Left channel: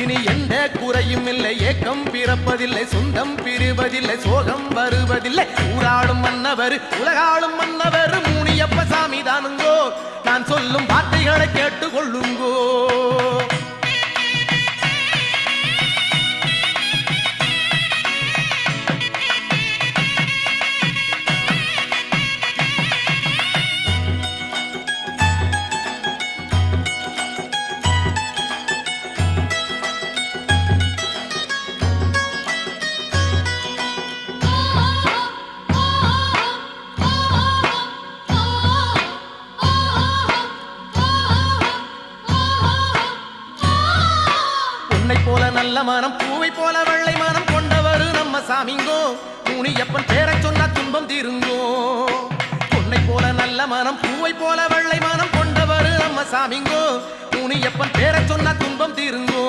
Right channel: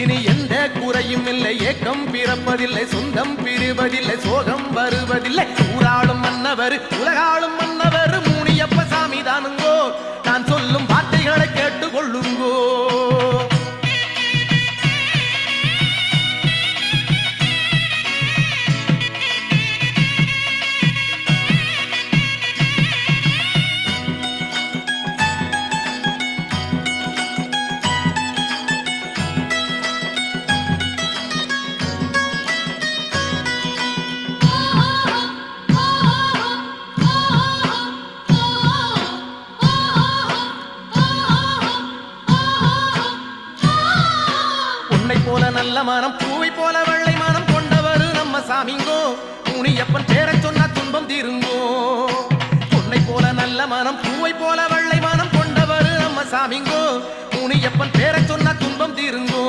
இனி எந்த குறையும் இல்லை, ஏக்கம் பிறப்பதில்லை, சொந்தம் பிரிவதில்லை, சோகம் வருவதில்லை. ஊராளும் மன்னவர் உலகாளும் மன்னவர் முனியப்ப சாமி தானுங்கோ. நான் சொல்லும் வார்த்தைகளை கேட்டுக்கொள்ளுங்கோ. பொன்னை போல நல்ல மனம், பூவை போல வெள்ளை மனம் கொண்டவர் நம்ம சாமிங்கோ. முனியப்பன் பேரை சொன்ன துன்பம் தீருங்கோ. பொன்னை போல நல்ல மனம், பூவை போல வெள்ளை மனம் கொண்டவர் நம்ம சாமிங்கோ. முனியப்பன் பேரை சொன்ன துன்பம் தீருங்கோ.